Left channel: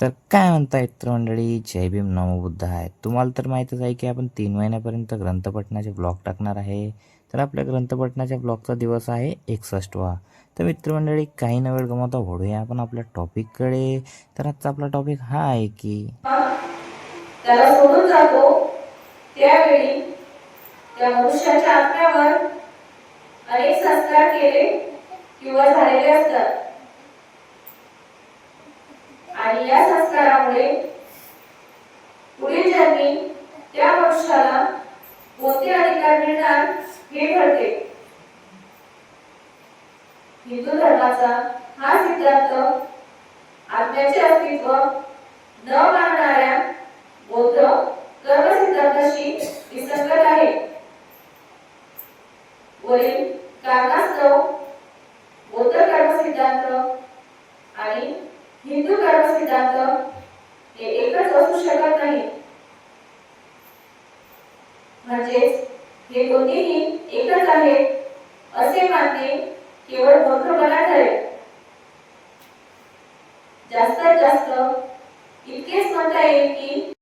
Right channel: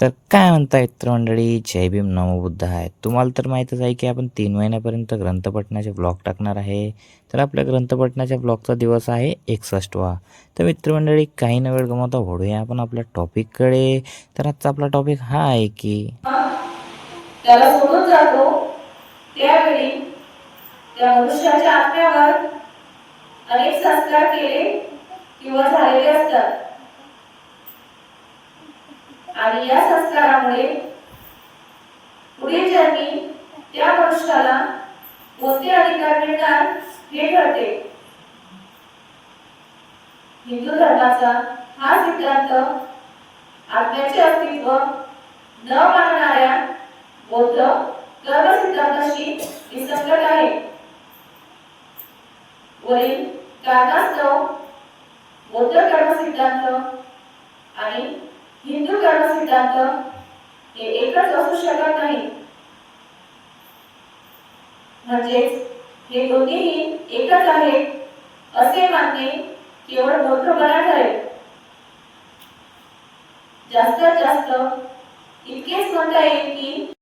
तर काय म्हणता मित्रमंडळी, जय भीम नमो बुद्धाय. तुम्हाला तर माहीतच आहे की आपण 3 महिन्यापर्यंत ग्रंथपठणाचे ब्लॉग टाकणार आहे. तर आपल्या ग्रंथपठणाच्या ब्लॉगचा दिवस आहे 61वा. तर मित्रमंडळी, काही न वेळ गमावता वळूया आपण आपल्या टॉपिककडे. तर आजचा आपला टॉपिक हा आहे की त्याला सोडून जातो त्यावेळी त्या मनुष्याच्या आत्म्यावर अनेक संस्कार केले किंवा झालेले असतात आणि या संस्कारामुळे पुढील जन्मी त्या मनुष्याला कोणते अधिकार मिळणार हे ठरते. हिंदू धर्माचा हा सिद्धांत आत्म्याचे अस्तित्व न मानणाऱ्या बौद्ध कर्म सिद्धांताशी विसंगत आहे. वरील कारणास्तव बौद्ध कर्म सिद्धांत आणि हिंदू कर्म सिद्धांत हे एकच असू शकत नाही. म्हणजेच हे दोन्हीही एकच आहेत असे मानणे केवळ मूर्खपणा ठरेल. जास्तीत जास्त इतकेच म्हणता येईल की